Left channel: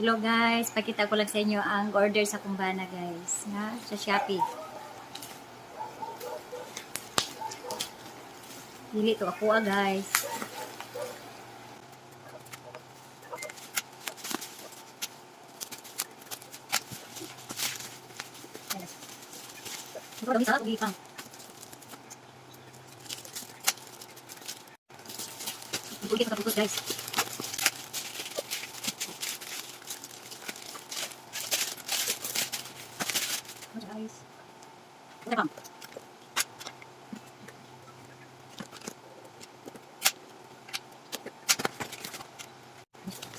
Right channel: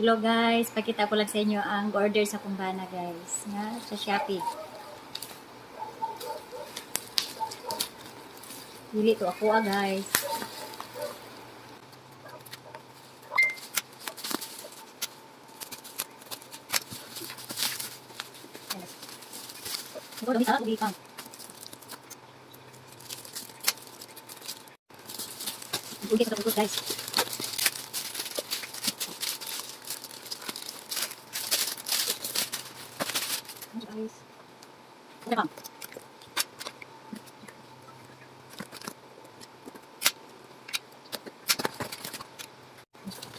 Hello guys, pakita ko lang sa inyo ang order sa Kumbana guys, na sa Shopee. Dili to ako guys. Siguro bisa ako gipang. Bugit ka bugit guys. Guys. Udah bang.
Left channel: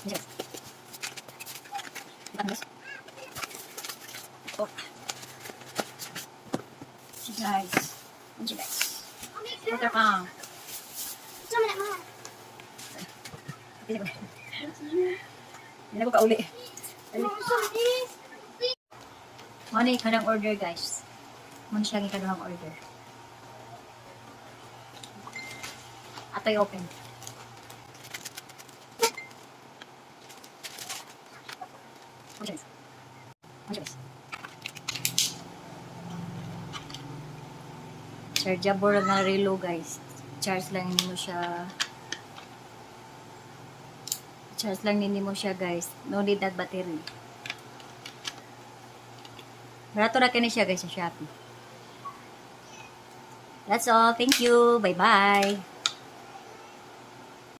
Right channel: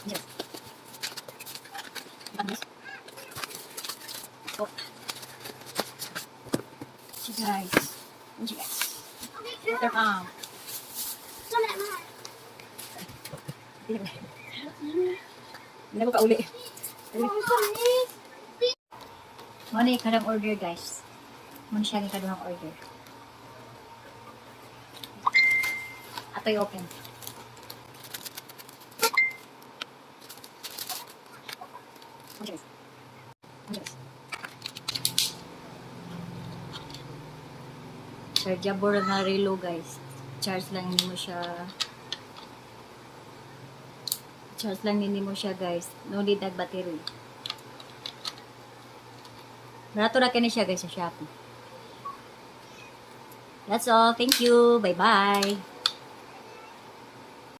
Yes. Guys. Oh. Guys. Guys. Udah bang. Hindi ko kauli. Muna yung kanang order guys. Muna siya yung kanang order. Ato'y open. Chargeable na relo guys. Charge lang hindi mo siya. Charge lang hindi mo siya guys. No need na battery. Barato na kani siya guys sa Shopee. That's all. Thank you. Bye-bye.